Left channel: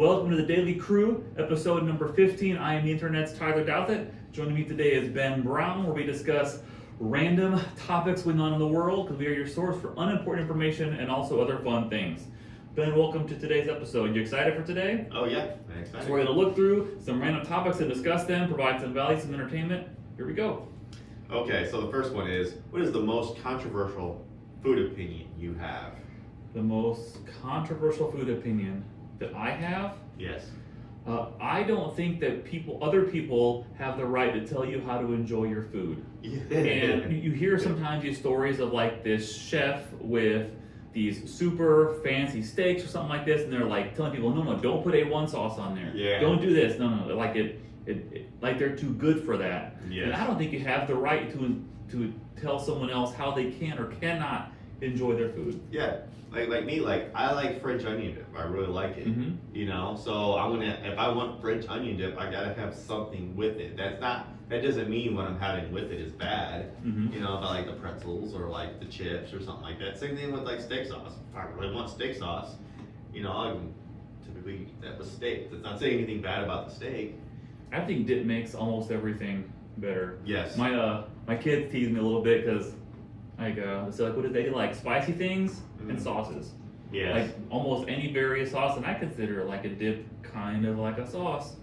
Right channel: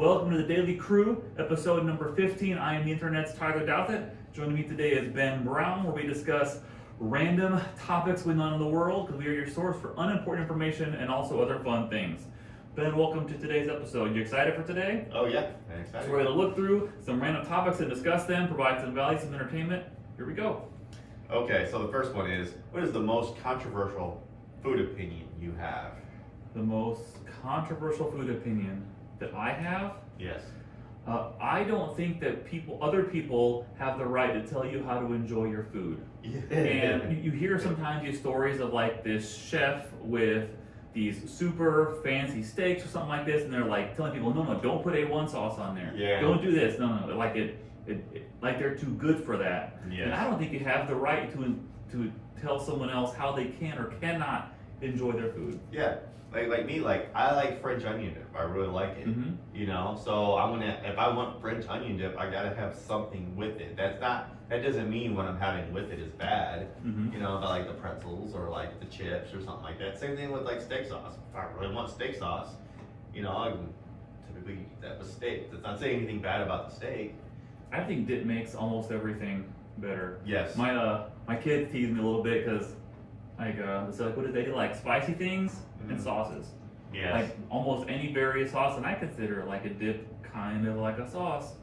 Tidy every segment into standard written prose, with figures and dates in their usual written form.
Welcome to the Daily Crew, episode number 15. I am the internet's Tyler Douthit. Joining me today is Ben Brown, where we discuss random topics going on in the world, because we are your source for unimportant information and also other fun things. Ben, welcome to today's episode. You excited for today? Oh yeah, I'm excited. So we're going to look through some random topics and discuss them, provide some value, some entertainment. Here we go. Okay, so the first one is, what is the most controversial food opinion you have? The most controversial food opinion that I have? Yes. I don't think that other people have the right to tell you how to enjoy your food. And you hear sometimes these stories of like this chef with these super fancy steaks or something like this, and they're like telling people, no, don't put A1 sauce on there. Yeah. Don't do this. No, like like they're too good for that. Yes. And I don't think you have the right to tell someone else how they can or cannot enjoy their food. Yeah. Like me, I like French onion dip. I really like it. Mm-hmm. You know, so if I want French onion dip, I gotta have something with it. That doesn't mean what I'm having with it is bad. Mm-hmm. You know, if I like the pretzels or like the chips or something like that. Same thing with like steak sauce. If I really want steak sauce, you know, I can typically eat that with steak. That's not saying anything bad about the steak. I think dip makes almost everything better. Yes. My kids tease me a little bit because it's like, what do they like? Spicy things and sauces. Yes. Like almost any various sauce, and I consider like a dip kind of like a sauce.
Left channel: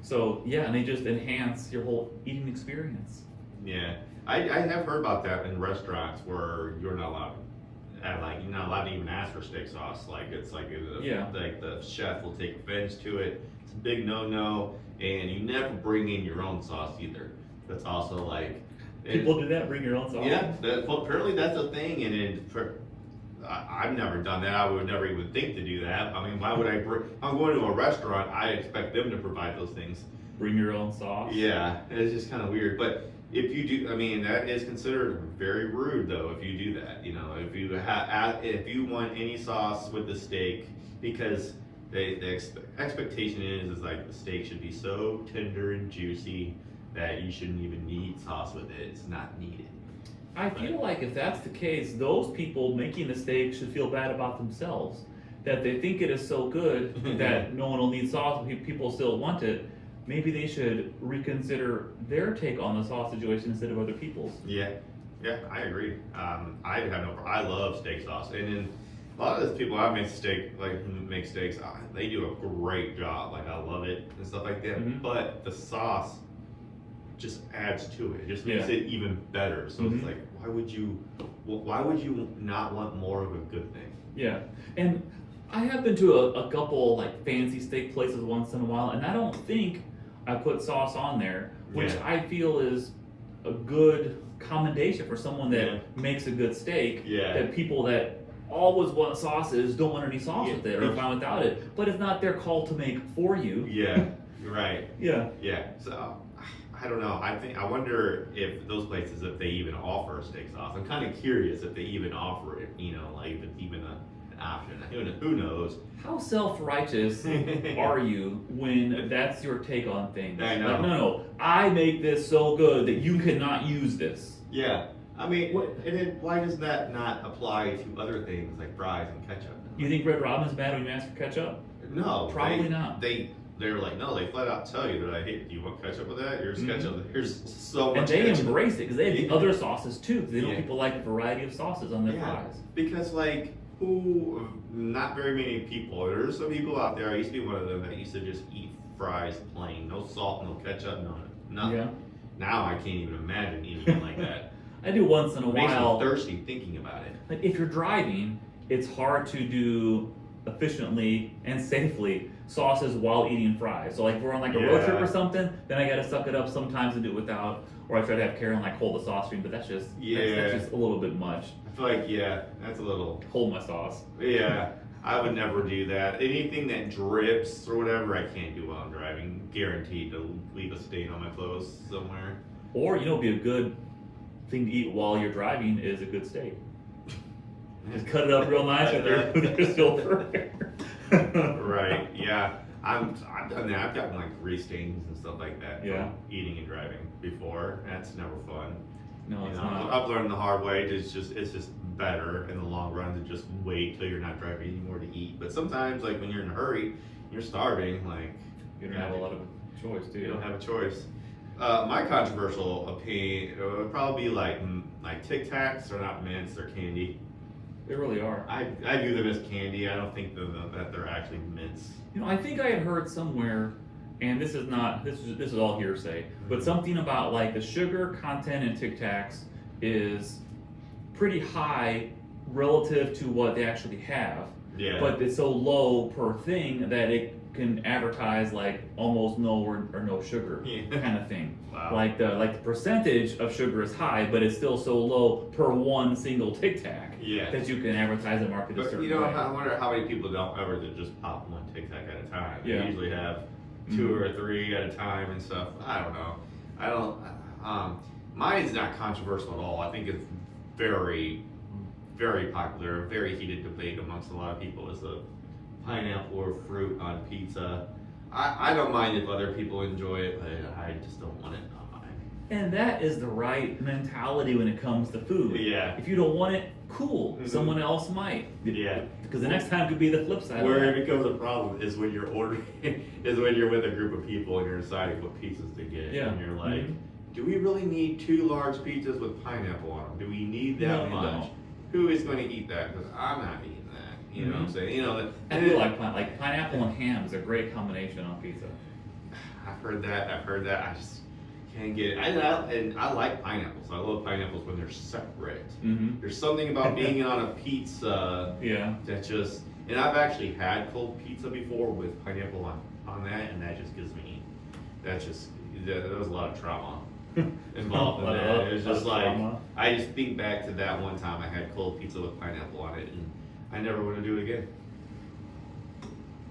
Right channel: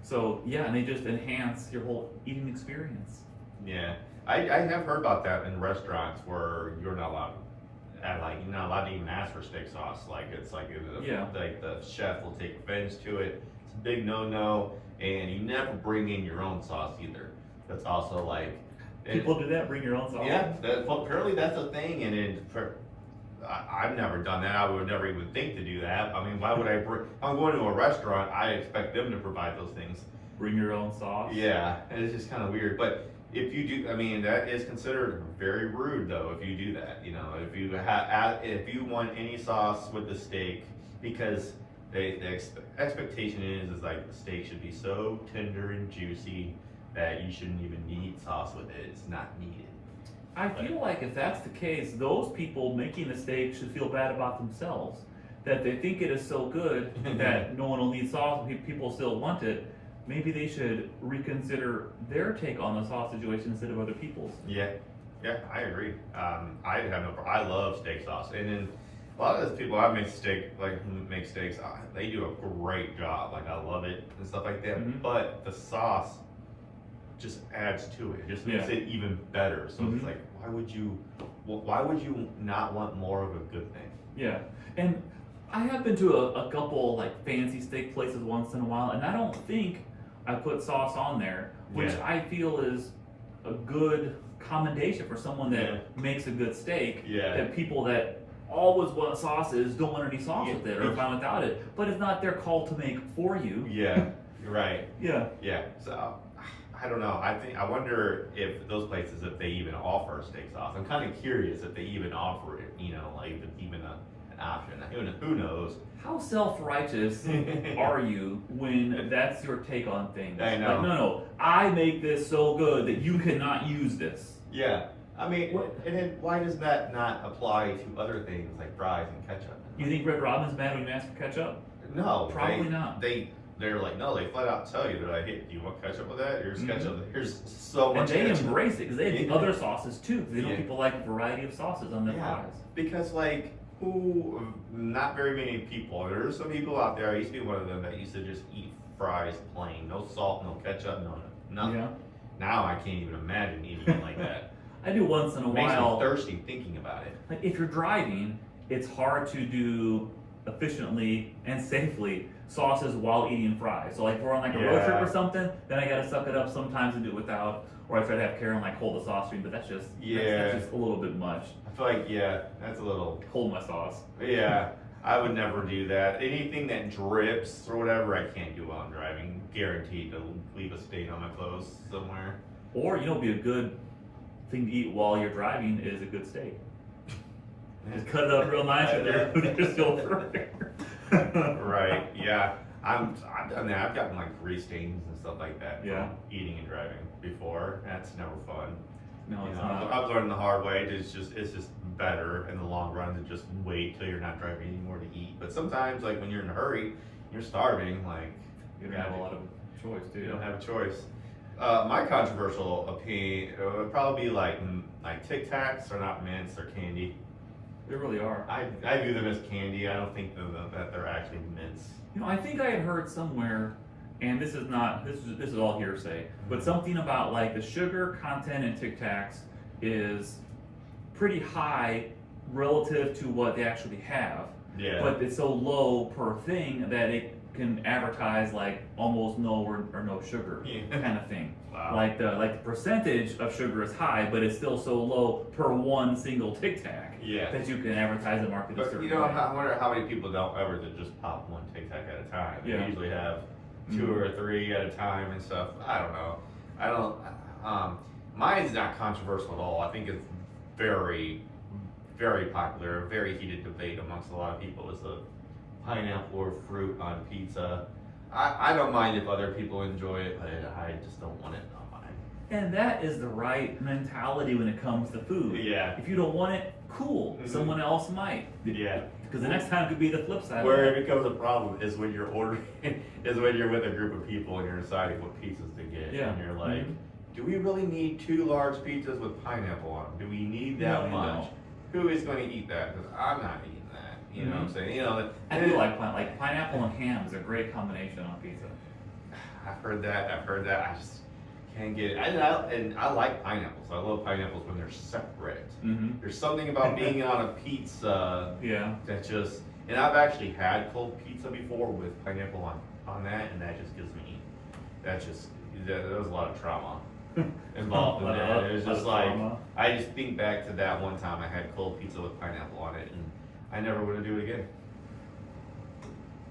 So yeah, and they just enhance your whole eating experience. Yeah, I have heard about that in restaurants where you're not allowed you're not allowed to even ask for steak sauce. Like the chef will take offense to it. It's a big no-no, and you never bring in your own sauce either. That's also like People do that, bring your own sauce. Yeah, apparently that's a thing, and I've never done that. I would never even think to do that. I mean, why would I bring? If I'm going to a restaurant, I expect them to provide those things. Bring your own sauce. Yeah, it's just kind of weird. But if you do, I mean, that is considered very rude, though. If you do that, you know, if you want any sauce with the steak, because the expectation is like the steak should be so tender and juicy that you shouldn't even need sauce with it. It's not needed. I feel like if that's the case, those people making the steak should feel bad about themselves. That they think it is so good that no one will need sauce and people still want it. Maybe they should reconsider their take on the sauce situation instead of other people's. Yeah, I agree. I love steak sauce, and then a lot of those people I make steaks, they do a great job. Like I love it and stuff like that. Mm-hmm. But the sauce just adds to it. It just makes it even better. So it's like, why would you not want more of a good thing? Yeah, and I have been to a couple like fancy steak places once in a while, and I don't think I put sauce on there, which I feel is a good commendation for someone that makes a good steak. Yeah. That people that always want sauces don't want any sauce with it or fine without it, but it's not their call to make for you. Yeah, you're right. Yeah. Yeah. So I don't know. I wonder if those places, if they even offer steak sauce. I'm kind of curious if they even offer it. You know, like if it's even an option. Who knows? How self-righteous are you when that's your take on things? I know. Like, no, I make this so good that you cannot use this. Yeah. I mean, and then why does that not apply to other things like fries and ketchup? You think Red Robin's bad when you ask for ketchup? No. Probably not. They're like, no, they flat out tell you that, hey, do you want ketchup with that? Here's ketchup. Here's so much ketchup. And they ketchup. embrace it because they have the other sauces too. Because they know people like a variety of sauces on their fries. Because not very many people, there's some people out there, I used to be one of them that used to just eat fries plain. No salt, no ketchup, nothing. Yeah. Now I can't even imagine eating it like that. I do once in a Makes while. me thirsty thinking about it. Like if you're driving, it's hard to do efficiently and safely sauces while eating fries. So like if we're on like a road trip or something, then I gotta suck it up sometimes and do it without, or I try to have Karen like hold the sauce stream, but that's just a little bit much. I feel like that's a little hold my sauce. Yeah, I would never do that. Anything that drips or whatever, I can't do while I'm driving. Guaranteed to leave a stain on my clothes somewhere. Or be a good thing to eat while you're driving is a good steak. Just cut it up real nice with your silver. Right. Yeah. I've done that. I've gotten like grease stains and stuff like that from eating and driving before. That's never fun. No, it's not. I've learned the hard way. It's just better in the long run to just wait till you're not driving anymore to eat. But sometimes, like when you're in a hurry, you're starving. Like You don't have a lot of choice, do you you? don't have a choice. My controversial opinion would probably be like Tic Tacs are not mints, they're candy. They really are. I view them as candy. I don't think that they're actually mints. You know, I think I had heard somewhere, and this is all hearsay, but something about like the sugar content in Tic Tacs is pretty high relative to what they actually have. Yeah. But it's so low per thing that it can advertise like almost no or no sugar kind of thing. Wow. Like the percentage of sugar is high, but it's still so low per one single Tic Tac that you can advertise and market a But certain you know, way. I wonder how many people don't ever just pop one Tic Tac at a time. Yeah. They usually have 2 or 3 at a time and stuff. I don't know. I don't. Mine's not controversial at all. I think it's very, very popular. A very heated debate amongst a lot of people is the pineapple or fruit on pizza. I don't mind if other people enjoy it, but I just don't want it on mine. And that is the right mentality when it comes to food. Yeah. If you don't want it, cool. Mhm. Someone else might. Yeah. Because the next time could be the flip side. Where of it that. becomes a problem is when you're ordering, is when you're with a group of people and you're deciding what pizzas to get. Yeah. And you're like, Mhm. do we really need 2 large pizzas with pineapple on them? Do we need No, that you much? don't. Who is going to eat that? Because I'm not eating that. You know what I'm saying? You know, I and do it- like pineapple and ham is a great combination on pizza. I've heard that. I just can't get it. And I like pineapples. I love pineapples when they're separate. Mm-hmm. There's something about being on a pizza Yeah. that just, and I've actually had cold pizza before with pineapple on that, and that just gives me, there was a lot of trauma involved in that. It was just like, I just think back to that one time I had cold pizza with pineapple on it, and I never want to do it again.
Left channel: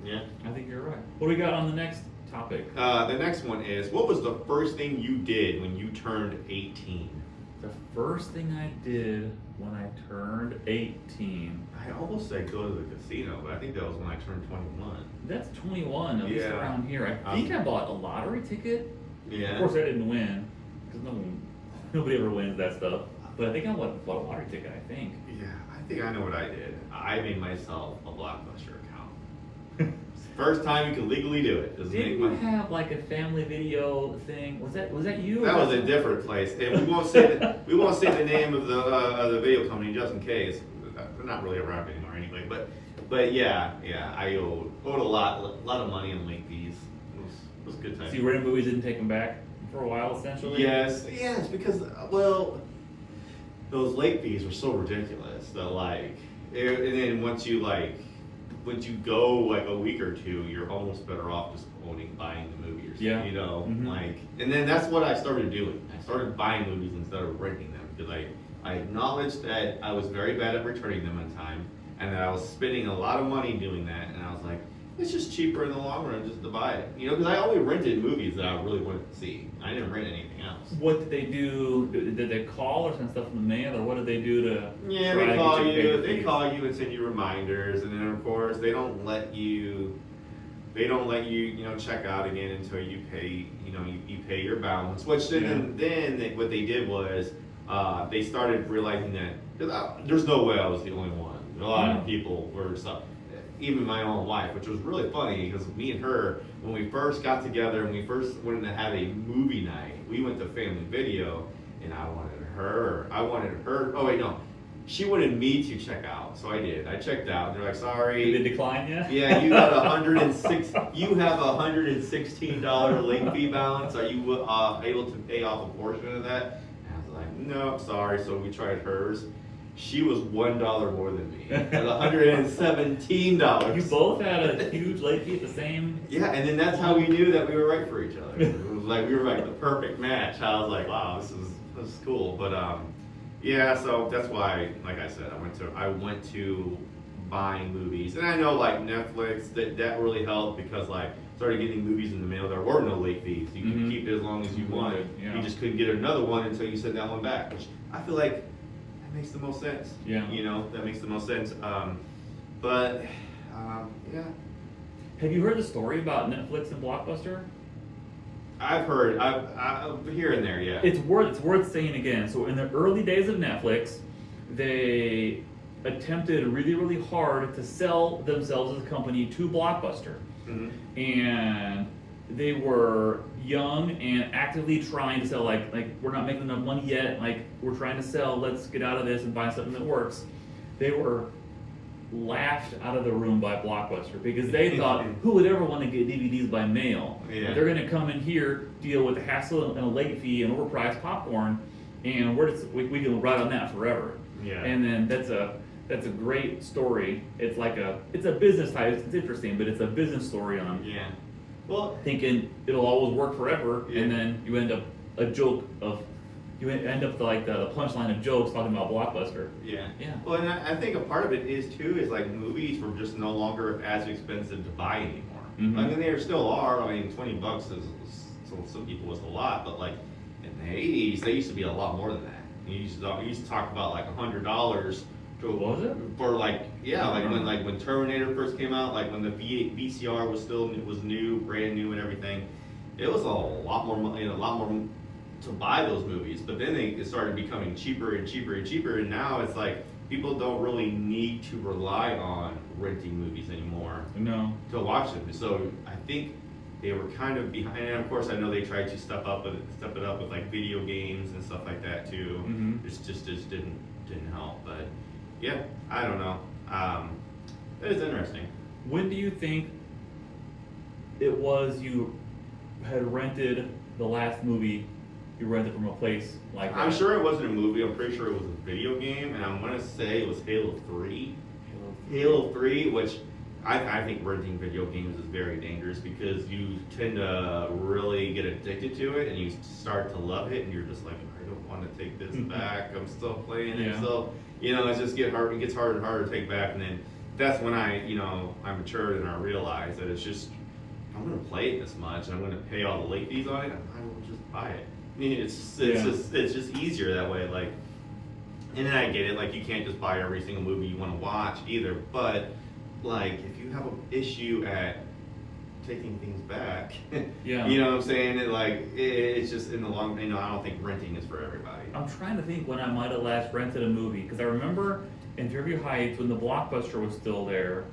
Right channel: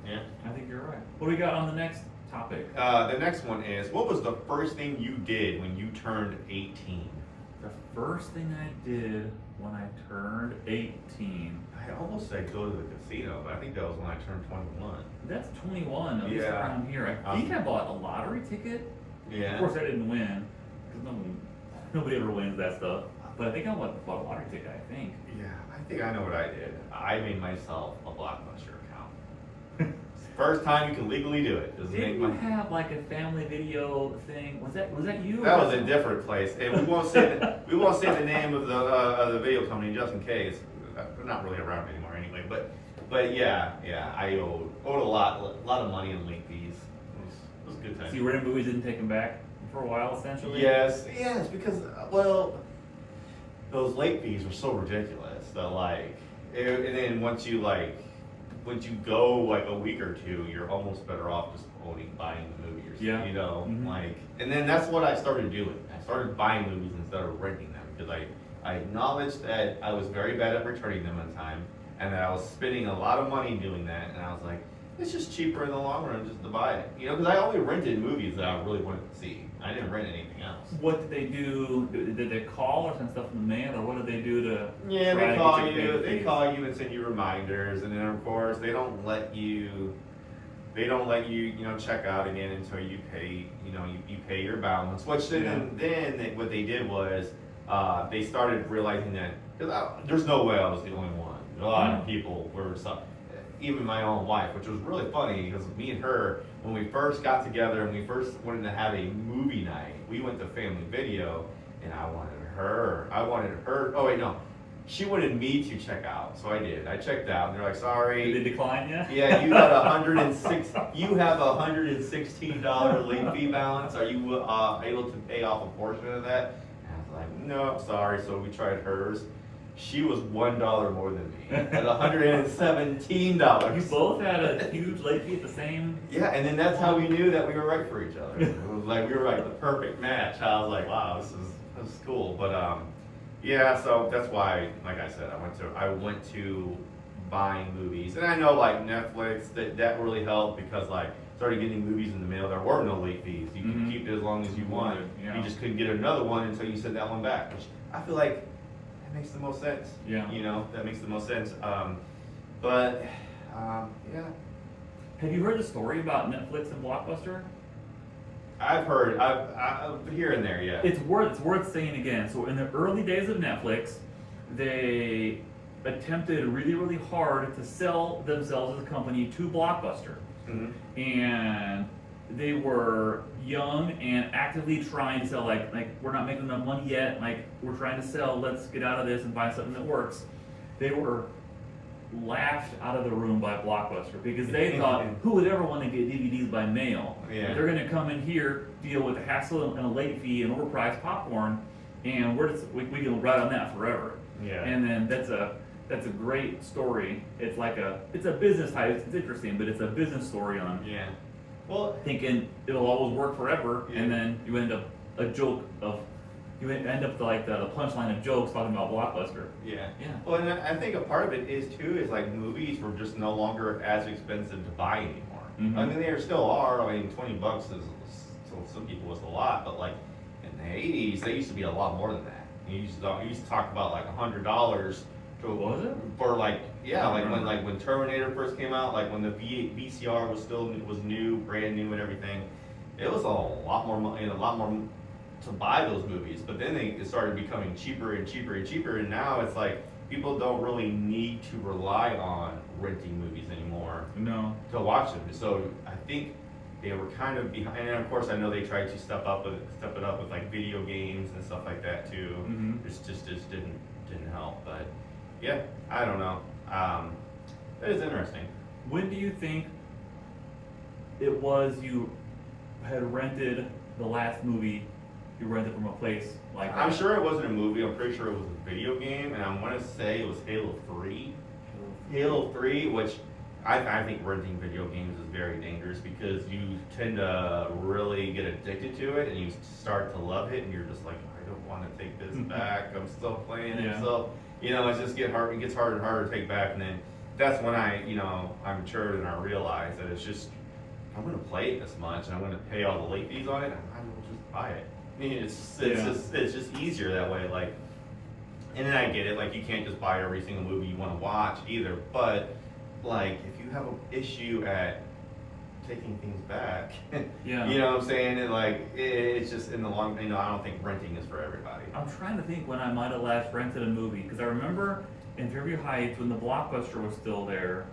Yeah. I think you're right. What do we got on the next topic? The next one is, what was the first thing you did when you turned 18? The first thing I did when I turned 18. I almost said go to the casino, but I think that was when I turned 21. That's 21, at least Yeah. around here. I think I bought a lottery ticket. Yeah. Of course, I didn't win, because nobody ever wins that stuff. But I think I bought a lottery ticket, I think. Yeah, I think I know what I did. I made myself a Blockbuster account. First time you can legally do it. Is Didn't make you my, have like a family video thing? Was that you? that was a different place, and we won't say the name of the video company just in case. They're not really around anymore anyway. But yeah, I owed a lot of money in late fees. It was a good time. See, rented movies didn't take them back for a while, essentially. Yes, because those late fees were so ridiculous that and then once you go like a week or two, you're almost better off just buying the movie or something. Yeah. You know, Mhm. and then that's what I started doing. I started buying movies instead of renting them because I acknowledged that I was very bad at returning them on time and that I was spending a lot of money doing that, and I was like, it's just cheaper in the long run just to buy it. You know, because I only rented movies that I really wanted to see. I didn't rent anything else. What did they do? Did they call or send stuff in the mail, or what did they do to? Yeah, try they to call get you to pay you. the They fees? call you and send you reminders, and then of course they don't let you. They don't let you, check out again until you pay. You pay your balance. Which then what they did was they started realizing that there's no way I was the only one. A lot of people were stuck. Even my own wife, which was really funny because me and her, when we first got together and we first wanted to have a movie night, we went to Family Video, and I wanted her. Oh wait, no, she wanted me to check out, so I did. I checked out. And they're like, sorry. Did they decline you? Yeah, you got You have $116 late fee balance. Are you able to pay off a portion of that? And I was like, no, sorry. So we tried hers. She was $1 more than me at $117. You both had a huge late fee at the same. Yeah, and then that's how we knew that we were right for each other. It was like we were like the perfect match. I was like, wow, this is cool. But yeah, so that's why, like I said, I went to buying movies, and I know like Netflix that really helped because started getting movies in the mail. There were no late fees. You could keep it as long as you want. Yeah. You just couldn't get another one until you sent that one back, which I feel like that makes the most sense. Yeah. That makes the most sense. Yeah. Have you heard the story about Netflix and Blockbuster? I've heard, I've here and there, yeah. It's worth saying again. So in the early days of Netflix, they attempted really, really hard to sell themselves as a company to Blockbuster. and they were young and actively trying to sell. Like we're not making enough money yet. Like we're trying to sell. Let's get out of this and find something that works. They were laughed out of the room by Blockbuster because they thought, who would ever want to get DVDs by mail? Yeah. They're going to come in here, deal with a hassle and a late fee and overpriced popcorn, and we can ride on that forever. Yeah. And then that's a great story. It's a business type. It's interesting, but it's a business story on thinking it'll always work forever, and then you end up you end up like the punchline of jokes talking about Blockbuster. Yeah. Yeah. Well, and I think a part of it is too is like movies were just no longer as expensive to buy anymore. Mhm. I mean, they still are. I mean, $20 is some people was a lot, but like in the '80s, they used to be a lot more than that. You used to talk about like $100 to Was it? for like when Terminator first came out, like when the VCR was new, brand new, and everything. It was a lot more money, a lot more to buy those movies, but then it started becoming cheaper and cheaper and cheaper, and now it's like people don't really need to rely on renting movies anymore to watch them. So I think they were kind of behind, and of course I know they tried to step it up with like video games and stuff like that too. Mm-hmm. It just didn't help, but yeah, I don't know. It is interesting. When do you think it was you had rented the last movie you rented from a place like that? I'm sure it wasn't a movie. I'm pretty sure it was a video game, and I want to say it was Halo 3. Halo 3, which I think renting video games is very dangerous because you tend to really get addicted to it, and you start to love it, and you're just like, I don't want to take this back. I'm still playing it. So, it just gets harder and harder to take back, and then that's when I matured and I realized that it's just, I'm going to play it this much, and I'm going to pay all the late fees on it, I will just buy it. I mean, it's just easier that way. Like, and then I get it. Like, you can't just buy every single movie you want to watch either. But like, if you have an issue at taking things back, you know what I'm saying? It's just in the long. I don't think renting is for everybody. I'm trying to think when I might have last rented a movie because I remember in Fairview Heights when the Blockbuster was still there,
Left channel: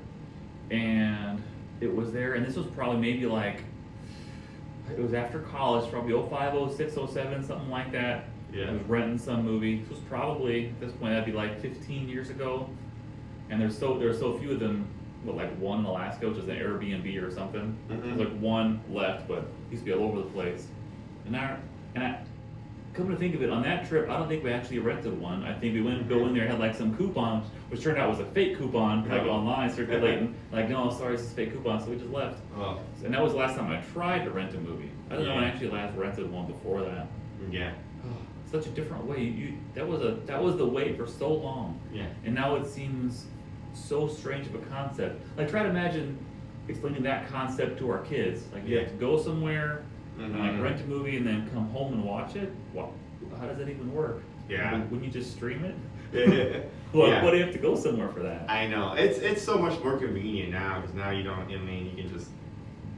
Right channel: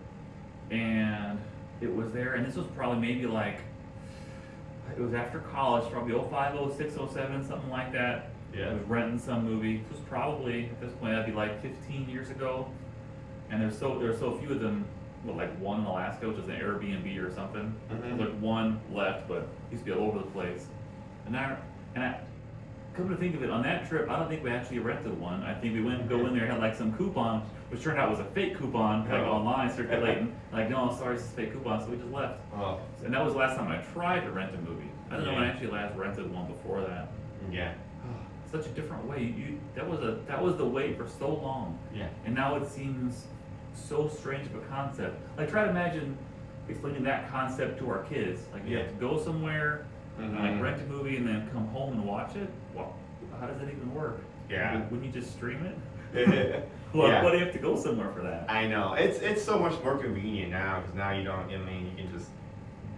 and it was there, and this was probably maybe like. It was after college, probably 05, 06, 07, something like that. Yeah. I was renting some movie. This was probably, at this point, that'd be like 15 years ago. And there were so few of them, like one in Alaska, which is an Airbnb or something. Mm-hmm. There's like one left, but it used to be all over the place. And I come to think of it, on that trip, I don't think we actually rented one. I think we went to go in there, had like some coupons, which turned out was a fake coupon, like online circulating. Like, no, sorry, it's a fake coupon, so we just left. Oh. And that was the last time I tried to rent a movie. I don't know when I actually last rented one before that. Yeah. Such a different way. That was the way for so long. Yeah. And now it seems so strange of a concept. Like, try to imagine explaining that concept to our kids. Like, you have to go somewhere, like rent a movie, and then come home and watch it. Well, how does that even work? Yeah. Wouldn't you just stream it? Well, Why do you have to go somewhere for that? I know. It's so much more convenient now because now you can just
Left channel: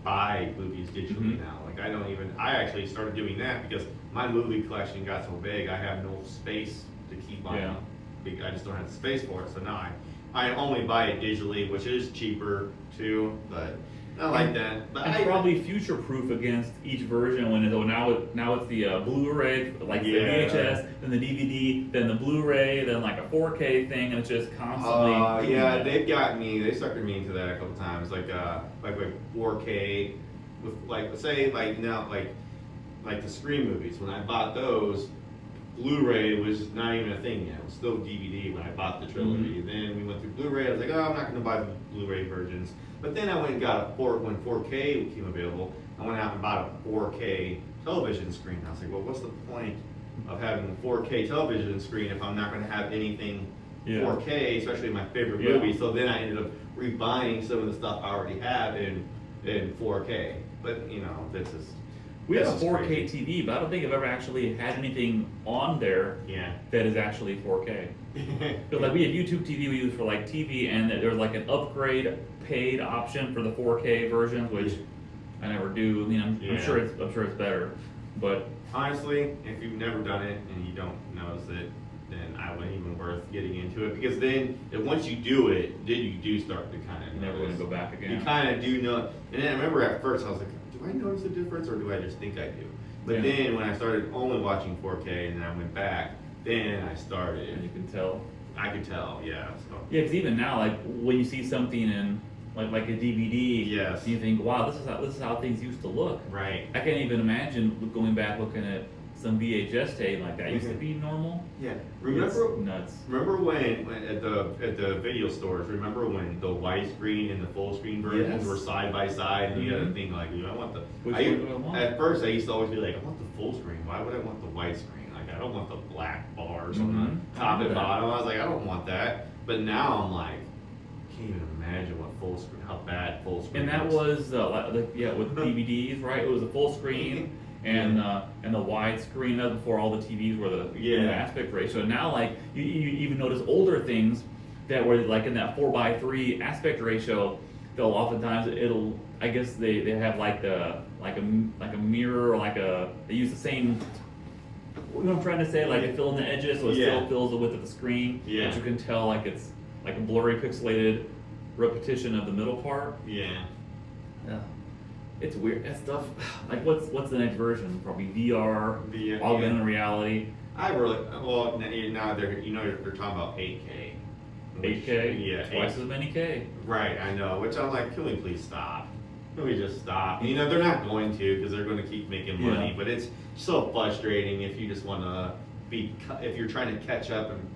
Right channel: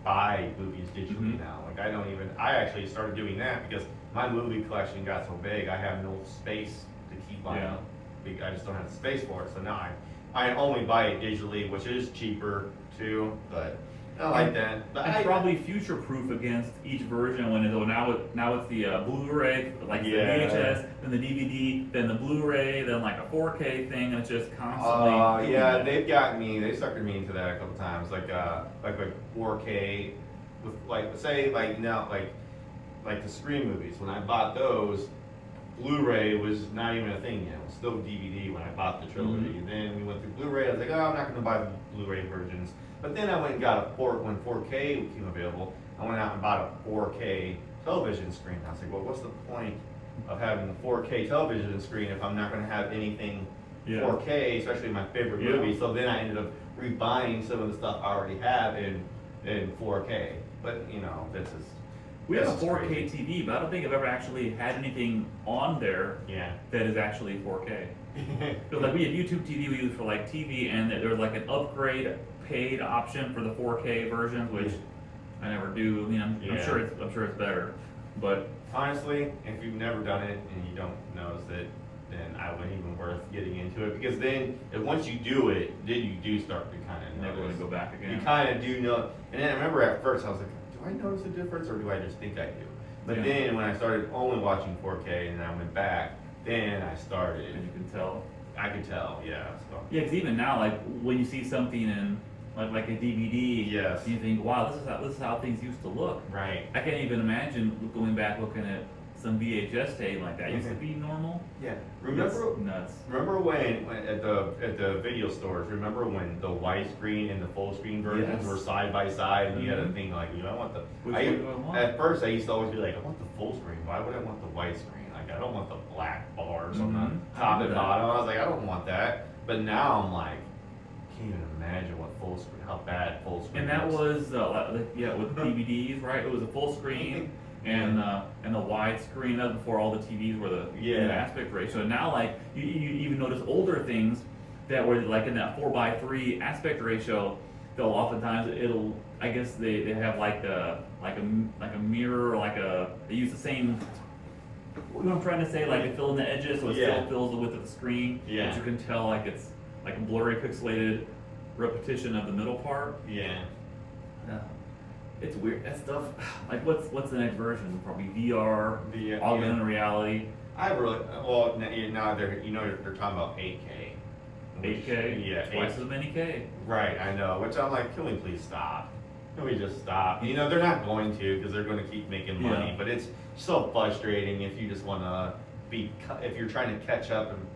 buy movies digitally now. Like I actually started doing that because my movie collection got so big, I have no space to keep on. I just don't have the space for it. So now I only buy it digitally, which is cheaper too, but I like that. But it's probably future-proof against each version. Now it's the Blu-ray, like the VHS, then the DVD, then the Blu-ray, then like a 4K thing, and it's just constantly. They've gotten me. They suckered me into that a couple times, like 4K with like the Scream movies. When I bought those, Blu-ray was not even a thing yet. It was still DVD when I bought the trilogy. And then we went through Blu-ray. I was like, I'm not going to buy the Blu-ray versions. But then I went and got when 4K became available, I went out and bought a 4K television screen. I was like, well, what's the point of having a 4K television screen if I'm not going to have anything 4K, especially my favorite movie? So then I ended up rebuying some of the stuff I already have in 4K. But, this is... We have a 4K TV, but I don't think I've ever actually had anything on there that is actually 4K. Because like we have YouTube TV we use for like TV, and there's like an upgrade paid option for the 4K version, which I never do. I'm sure it's better, but honestly, if you've never done it and you don't notice it, then I wouldn't even worth getting into it, because then once you do it, then you do start to kind of Never notice. gonna go back again. You kind of do know, and then I remember at first I was like, do I notice a difference or do I just think I do? But Yeah. then when I started only watching 4K and I went back, then I And started. you can tell. I could tell, yeah. So. Yeah, because even now, like when you see something in like a DVD, Yes. you think, wow, this is how things used to look. Right. I can't even imagine going back looking at some VHS tape like that. Used to Mhm. be normal. Yeah. It's Remember nuts. Remember when at the video stores? Remember when the widescreen and the full screen versions Yes. were side by side, and you had to Mhm. think like, I want the. Which I, one do I want? At first, I used to always be like, I want the full screen. Why would I want the widescreen? Like, I don't want the black bars on Mhm. the top I and do that. bottom. I was like, I don't want that. But now I'm like, can't even imagine what full screen, how bad full screen. And that looks. was yeah, with DVDs, right? It was a full screen and the wide screen. That was before all the TVs were the Yeah. new aspect ratio. And now, like you even notice older things that were like in that 4:3 aspect ratio. They'll oftentimes I guess they have like a mirror or they use the same. What I'm trying to say, like it fill in the edges so it Yeah. still fills the width of the screen. Yeah. But you can tell like it's like a blurry pixelated repetition of the middle part. Yeah. It's weird. That stuff. Like, what's the next version? Probably VR, The, augmented reality, I really now they're talking about 8K. 8K. Yeah. Twice as many K. Right, I know. Which I'm like, can we please stop? Can we just stop? You know, they're not going to because they're going to keep making money. Yeah. But it's so frustrating if you just want to if you're trying to catch up and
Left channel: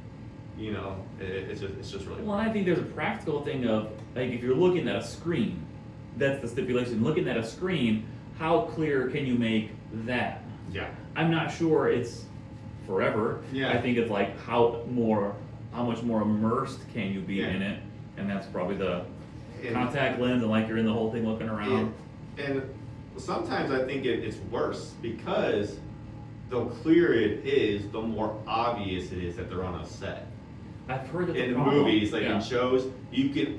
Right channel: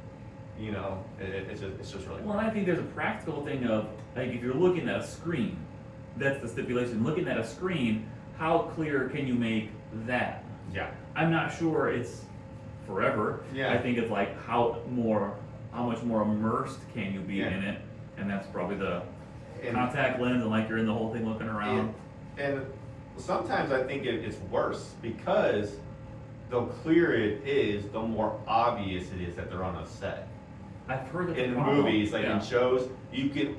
you know, it's just really. Well, I think there's a practical thing of like if you're looking at a screen, that's the stipulation. Looking at a screen, how clear can you make that? Yeah. I'm not sure it's forever. Yeah. I think it's like how much more immersed can you be Yeah. in it, and that's probably the And- contact lens and like you're in the whole thing looking around. And sometimes I think it's worse because the clearer it is, the more obvious it is that they're on a set. I've heard that In the problem- movies, like yeah. in shows, you can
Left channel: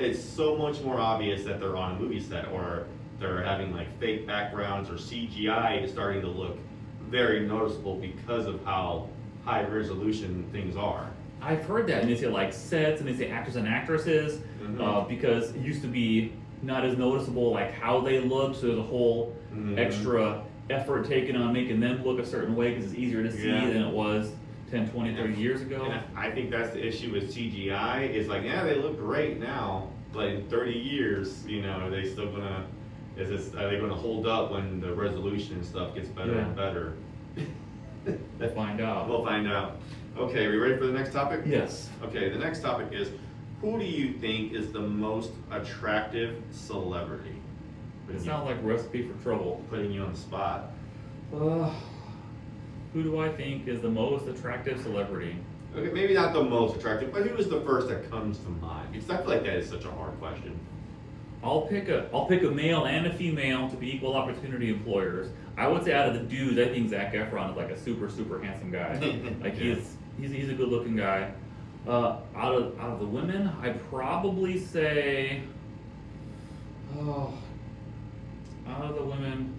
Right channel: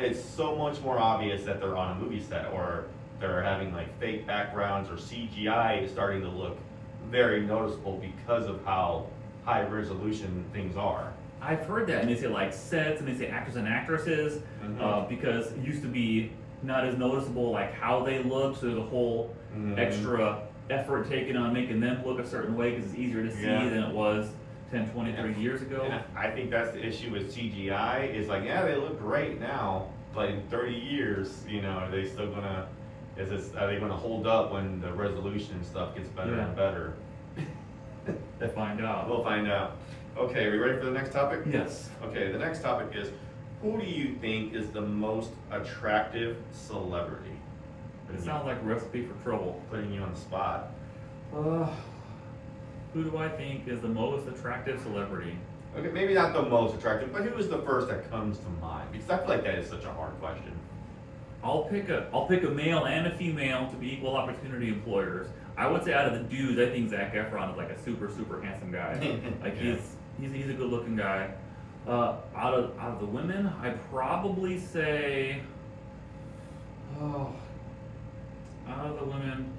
it's so much more obvious that they're on a movie set or they're having like fake backgrounds or CGI is starting to look very noticeable because of how high resolution things are. I've heard that, and they say like sets, and they say actors and actresses, Mhm. because it used to be not as noticeable like how they looked, so there's a whole Mhm. extra effort taken on making them look a certain way because it's easier to see Yeah. than it was 10, 20, 30 years ago. And I think that's the issue with CGI is like, yeah, they look great now, but in 30 years, you know, are they still gonna, are they gonna hold up when the resolution and stuff gets better and Yeah. better? We'll find out. We'll find out. Okay, are we ready for the next topic? Yes. Okay, the next topic is, who do you think is the most attractive celebrity? It sounds like a recipe for trouble. Putting you on the spot. Who do I think is the most attractive celebrity? Okay, maybe not the most attractive, but who is the first that comes to mind? Because I feel like that is such a hard question. I'll pick a male and a female to be equal opportunity employers. I would say out of the dudes, I think Zac Efron is like a super handsome guy. Like Yeah. he's a good looking guy. Out of the women, I'd probably say, out of the women,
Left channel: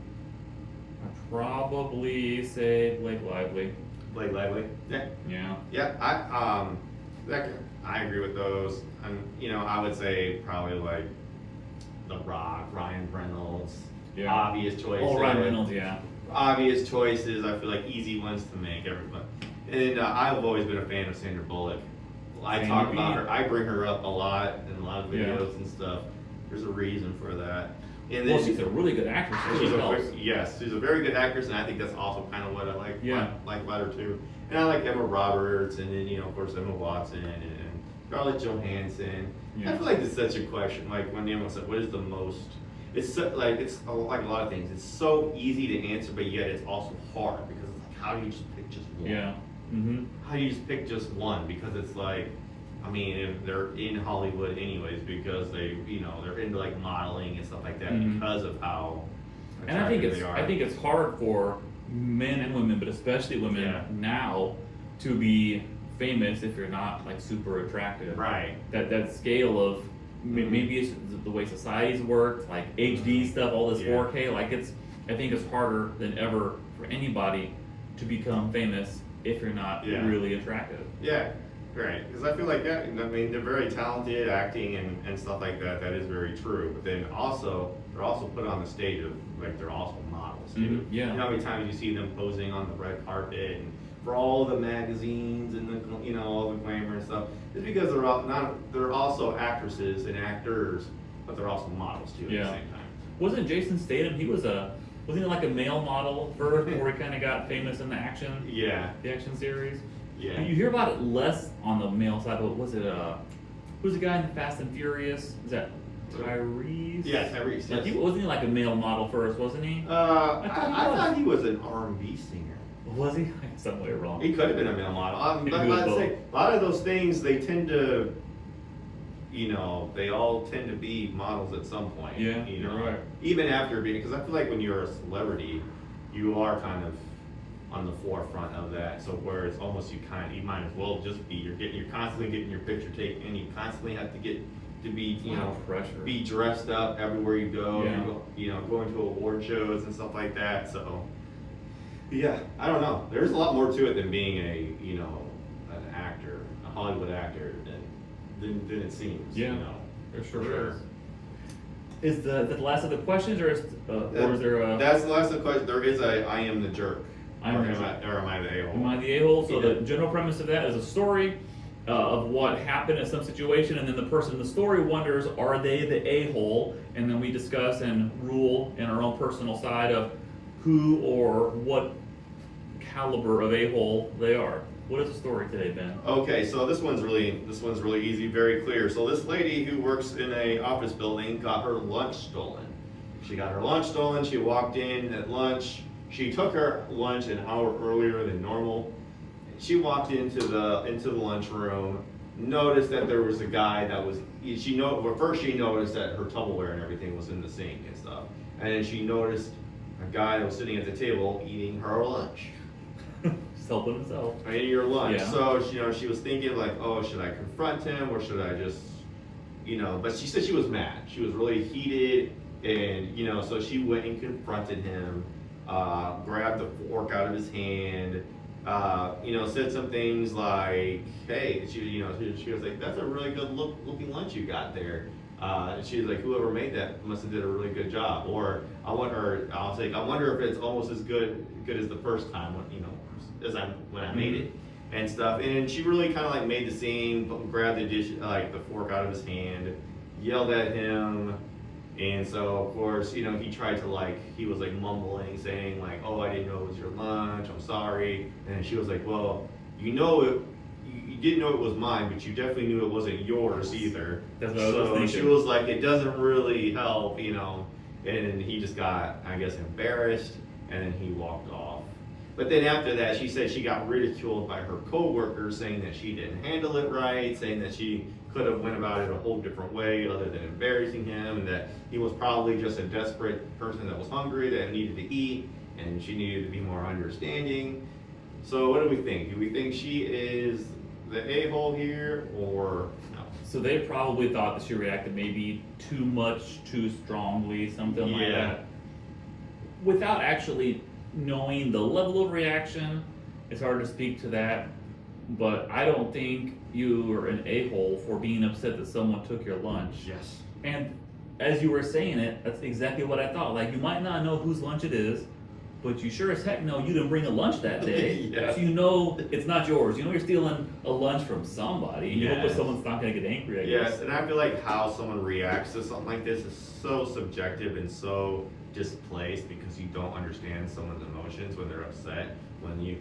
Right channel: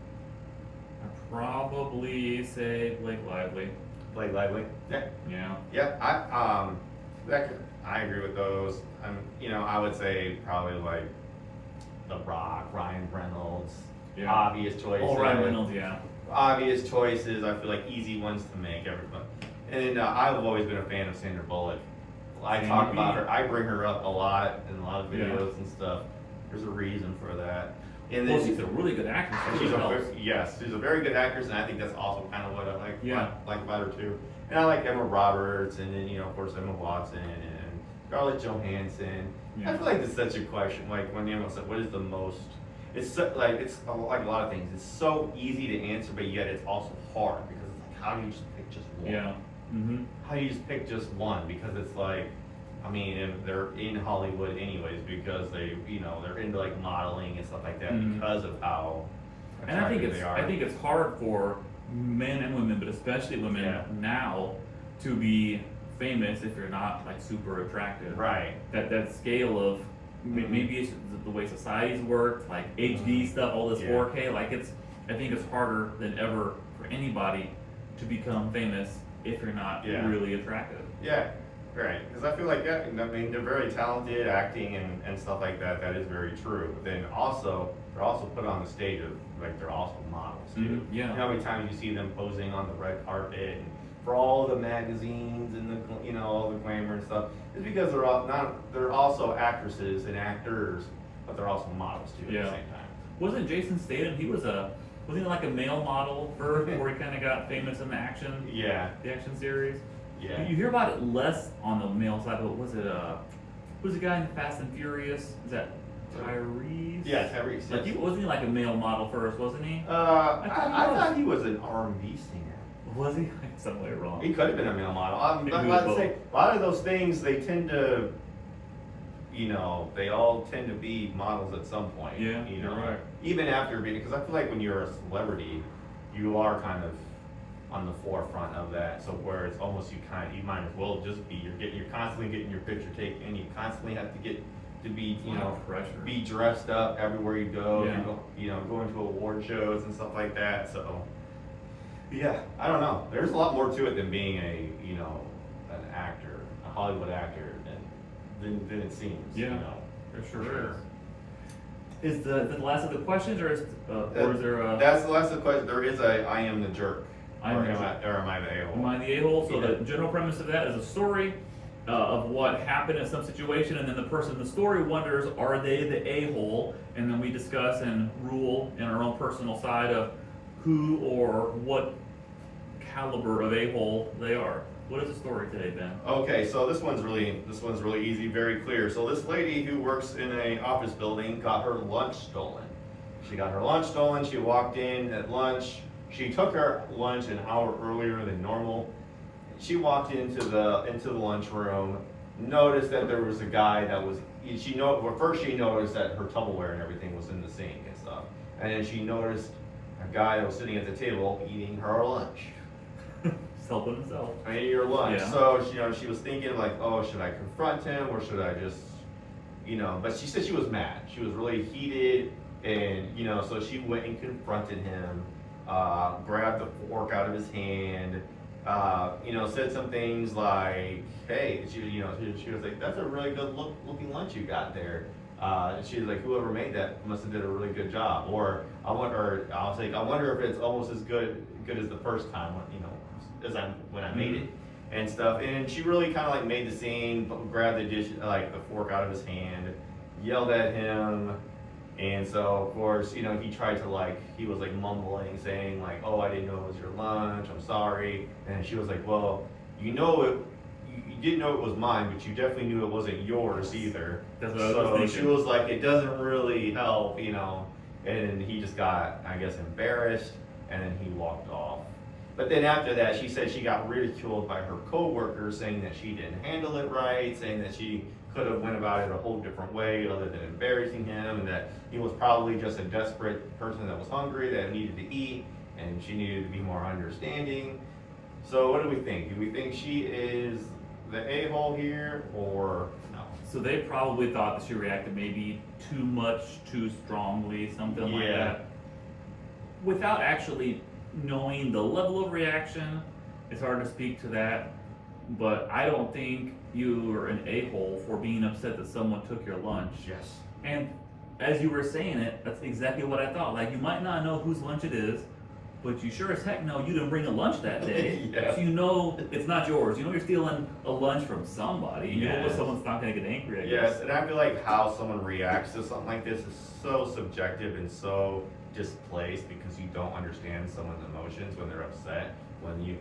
I'd probably say Blake Lively. Blake Lively? Yeah. Yeah. Yeah, I agree with those. You know, I would say probably like The Rock, Ryan Reynolds. Yeah. Obvious choices. Oh, Ryan Reynolds, yeah. Obvious choices. I feel like easy ones to make. Everybody. And I've always been a fan of Sandra Bullock. I Sandy talk B. about her. I bring her up a lot in a lot of Yeah. videos and stuff. There's a reason for that. And Well, she's a really good actress. and Too, she's as well. yes, she's a very good actress, and I think that's also kind of what I like, Yeah. like about her too. And I like Emma Roberts, and then of course Emma Watson and Scarlett Johansson. Yeah. I feel like it's such a question. Like when Emma said, "What is the most?" It's so, like like a lot of things. It's so easy to answer, but yet it's also hard because it's like, how do you just pick just one? Yeah. Mm-hmm. How do you just pick just one? Because it's like, I mean, if they're in Hollywood anyways, because they're into like modeling and stuff like that Mhm. because of how And I think attractive they are. I think it's hard for men and women, but especially women Yeah. now, to be famous if you're not like super attractive. Right. That scale of Mhm. maybe it's the way society's worked, like HD stuff, all this Yeah. 4K. Like I think it's harder than ever for anybody to become famous if you're not Yeah. really attractive. Yeah, right. Because I feel like that, I mean, they're very talented acting and stuff like that. That is very true. But then also, they're also put on the stage of, like, they're also models too. Mhm, yeah. You know how many times you see them posing on the red carpet and for all the magazines and the, you know, all the glamour and stuff? It's because they're also actresses and actors, but they're also models too at Yeah. the same time. Wasn't Jason Statham? Wasn't he like a male model first before he kind of got famous in the action series? Yeah. You hear about it less on the male side, but was it who's the guy in the Fast and Furious? Is that Tyrese? Yeah, Tyrese. Like, Yes. wasn't he like a male model first? Wasn't he? I thought he was an R&B singer. Was he? Some way wrong. He could have been a male model. I'm He was about to both. say, a lot of those things, they tend to, you know, they all tend to be models at some point. Yeah, you you're know, right. even after being, because I feel like when you're a celebrity, you are kind of on the forefront of that. So where it's almost you might as well just be, you're constantly getting your picture taken, and you constantly have to get to be, you Wow, know, pressure. be dressed up everywhere you go. Yeah. You know, going to award shows and stuff like that. So. Yeah, I don't know. There's a lot more to it than being an actor, a Hollywood actor, than it seems. Yeah, You know, there sure for is. Is the last of the questions, or is there a? That's the last of the question. There is a I am the jerk. I am or the am I the a-hole? Am I the a-hole? So Yeah. the general premise of that is a story of what happened in some situation, and then the person in the story wonders, are they the a-hole? And then we discuss and rule in our own personal side of who or what caliber of a-hole they are. What is the story today, Ben? Okay, so this one's really easy, very clear. So this lady who works in a office building got her lunch stolen. She got her lunch stolen. She walked in at lunch. She took her lunch an hour earlier than normal. She walked into the lunchroom, noticed that there was a guy that was. First she noticed that her Tupperware and everything was in the sink and stuff, and then she noticed a guy that was sitting at the table eating her lunch. Just helping himself. Eating your lunch. Yeah. So she was thinking like, oh, should I confront him or should I just, But she said she was mad. She was really heated, and so she went and confronted him. Grabbed the fork out of his hand, said some things like, hey, she was like, that's a really good looking lunch you got there. She was like, whoever made that must have did a really good job. Or I wonder if it's almost as good as the first time when I made it and stuff. And she really kind of like made the scene, grabbed the dish, like the fork out of his hand, yelled at him. And so, of course, he tried to he was mumbling, saying oh, I didn't know it was your lunch, I'm sorry. And she was like, well, you didn't know it was mine, but you definitely knew it wasn't yours either. That's what I was So thinking. she was like, it doesn't really help, And he just got, I guess, embarrassed, and then he walked off. But then after that, she said she got ridiculed by her coworkers, saying that she didn't handle it right, saying that she could have went about it a whole different way other than embarrassing him, and that he was probably just a desperate person that was hungry, that needed to eat, and she needed to be more understanding. So what do we think? Do we think she is the a-hole here, or no? So they probably thought that she reacted maybe too much, too strongly, something like Yeah. that. Without actually knowing the level of reaction, it's hard to speak to that. But I don't think you are an a-hole for being upset that someone took your lunch. Yes. And as you were saying it, that's exactly what I thought. You might not know whose lunch it is, but you sure as heck know you didn't bring a lunch that day. Yeah. So you know it's not yours. You know you're stealing a lunch from somebody. You know Yes. someone's not going to get angry, I Yes, guess. and I feel like how someone reacts to something like this is so subjective and so displaced because you don't understand someone's emotions when they're upset. When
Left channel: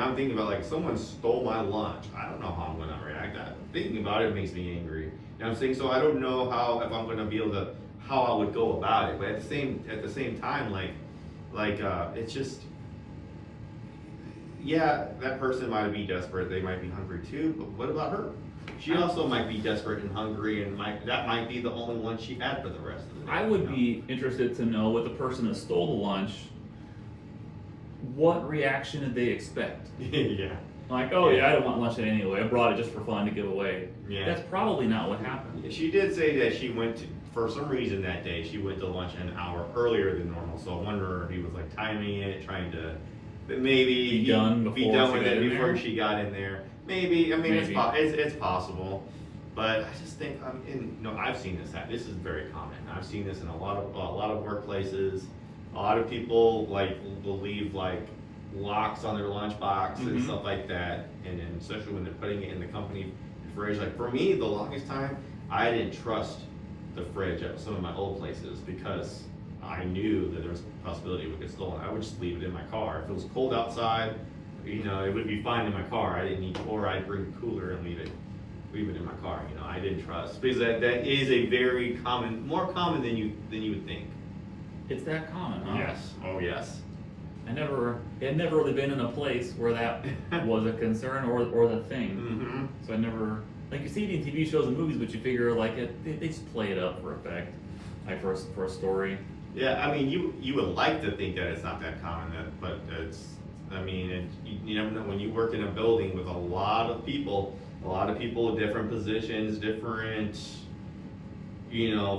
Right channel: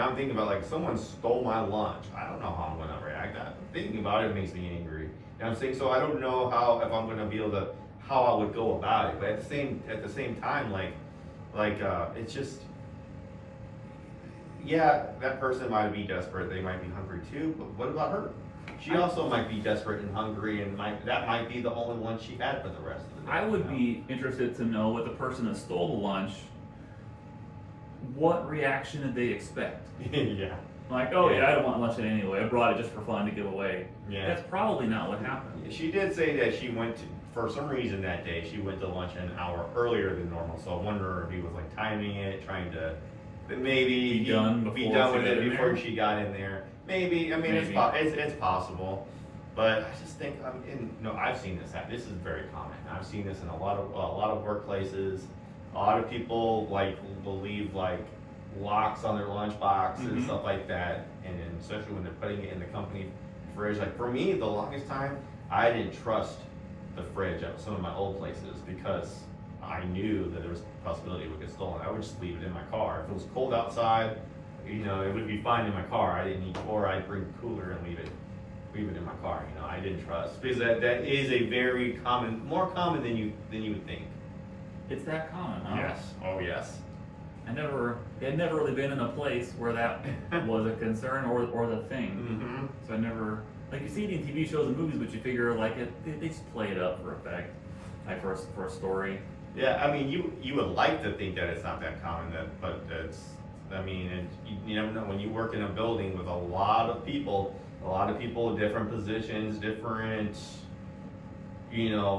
I'm thinking about someone stole my lunch, I don't know how I'm gonna react. Thinking about it makes me angry. You know what I'm saying? So I don't know if I'm gonna be able to, how I would go about it. But at the same time, it's just, yeah, that person might be desperate. They might be hungry too. But what about her? She also might be desperate and hungry, and that might be the only one she had for the rest of the day. I would be interested to know what the person that stole the lunch, what reaction did they expect? Yeah. I don't want lunch anyway. I brought it just for fun to give away. Yeah. That's probably not what happened. She did say that she went to, for some reason that day, she went to lunch an hour earlier than normal. So I wonder if he was timing it, trying to, maybe be done with she got it in before there? she got in there. Maybe. I mean, Maybe. it's possible. But I just think, I've seen this happen. This is very common. I've seen this in a lot of workplaces. A lot of people will leave locks on their lunchbox and stuff like that, and then especially when they're putting it in the company fridge. Like for me, the longest time, I didn't trust the fridge at some of my old places because I knew that there was a possibility it would get stolen. I would just leave it in my car. If it was cold outside, it would be fine in my car. I didn't need, or I'd bring a cooler and leave it in my car. I didn't trust because that is a very common, more common than you would think. It's that common, huh? Yes. Oh yes. It had never really been in a place where that was a concern or the thing. Mm-hmm. So I never, like you see it in TV shows and movies, but you figure they just play it up for effect, like for a story. Yeah, I mean, you would like to think that it's not that common, but it's, I mean, you never know. When you work in a building with a lot of people with different positions, different,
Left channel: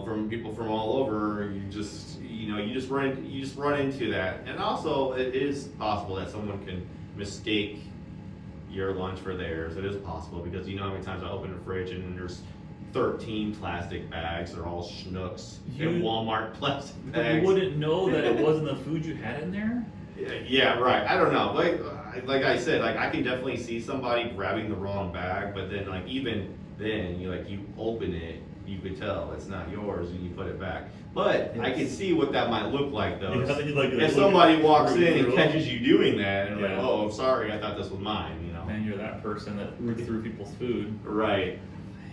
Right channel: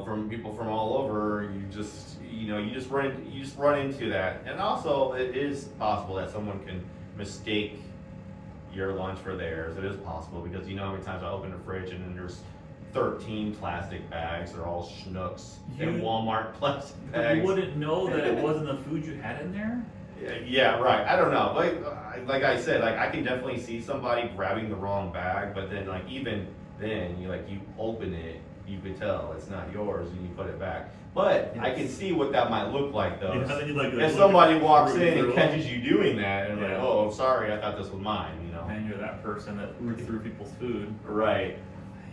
from people from all over, you just run into that. And also, it is possible that someone can mistake your lunch for theirs. It is possible because how many times I open the fridge and then there's 13 plastic bags. They're all Schnucks and Walmart plastic bags. You wouldn't know that it wasn't the food you had in there? Yeah, right. I don't know. Like I said, I can definitely see somebody grabbing the wrong bag, but then even then, you open it, you could tell it's not yours, and you put it back. But I can see what that might look like, though. And somebody walks in and catches you doing that, and oh, sorry, I thought this was mine. And you're that person that roots through people's food. Right.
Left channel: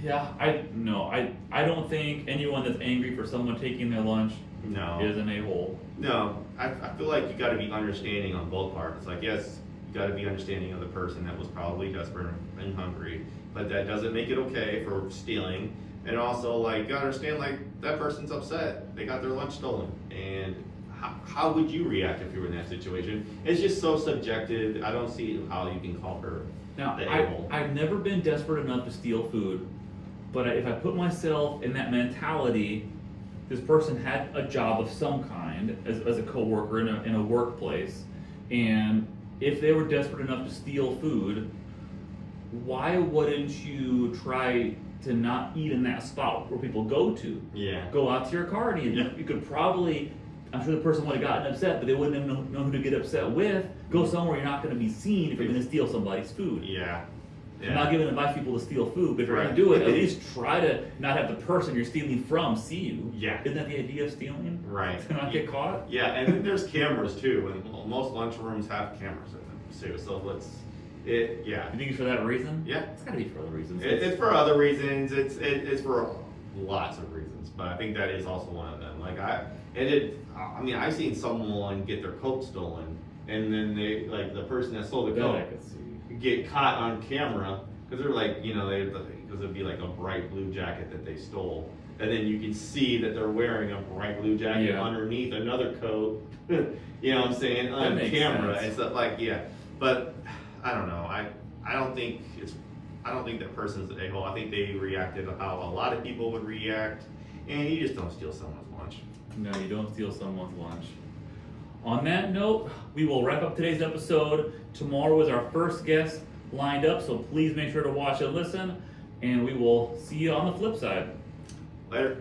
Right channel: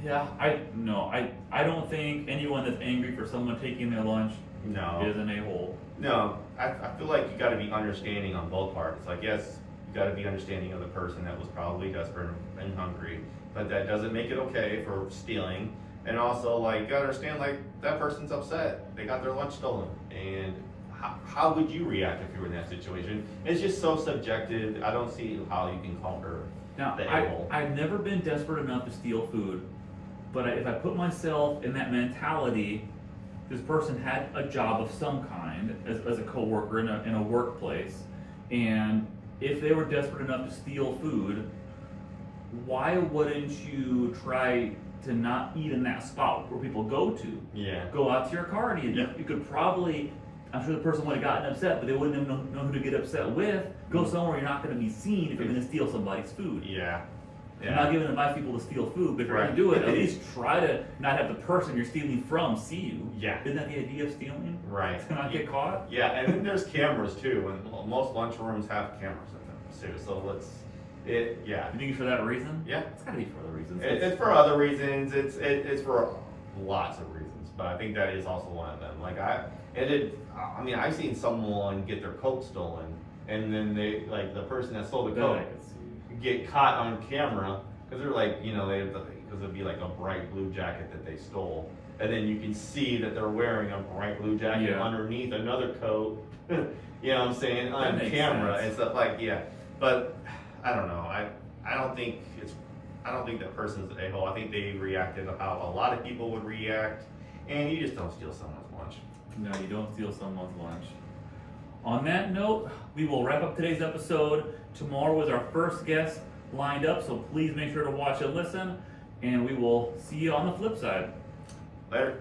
Yeah, I don't think anyone that's angry for someone taking their lunch is an a-hole. No, I feel like you got to be understanding on both parts. Yes, you got to be understanding of the person that was probably desperate and hungry, but that doesn't make it okay for stealing. And also, you gotta understand, that person's upset. They got their lunch stolen. And how would you react if you were in that situation? It's just so subjective. I don't see how you can call her Now, the a-hole. I've never been desperate enough to steal food, but if I put myself in that mentality, this person had a job of some kind as a coworker in a workplace, and if they were desperate enough to steal food, why wouldn't you try to not eat in that spot where people go to? Yeah. Go out to your car and eat. You could probably, I'm sure the person would have gotten upset, but they wouldn't know who to get upset with. Go somewhere you're not going to be seen if you're going to steal somebody's food. Yeah. I'm not giving advice people to steal food, but if you're going to do it, at least try to not have the person you're stealing from see you. Yeah. Isn't that the idea of stealing? Right. To not get caught? Yeah, and then there's cameras too, and most lunchrooms have cameras in them too. So yeah. You think it's for that reason? Yeah. It's got to be for other reasons. It's for other reasons. It's for lots of reasons, but I think that is also one of them. I've seen someone get their coat stolen, and then they the person that stole the coat get caught on camera because they're because it'd be a bright blue jacket that they stole, and then you can see that they're wearing a bright blue jacket underneath another coat. You know what I'm saying, on camera and stuff But I don't know. I don't think that person's an a-hole. I think they reacted how a lot of people would react, and you just don't steal someone's lunch. No, you don't steal someone's lunch. On that note, we will wrap up today's episode. Tomorrow is our first guest lined up, so please make sure to watch and listen, and we will see you on the flip side. Later.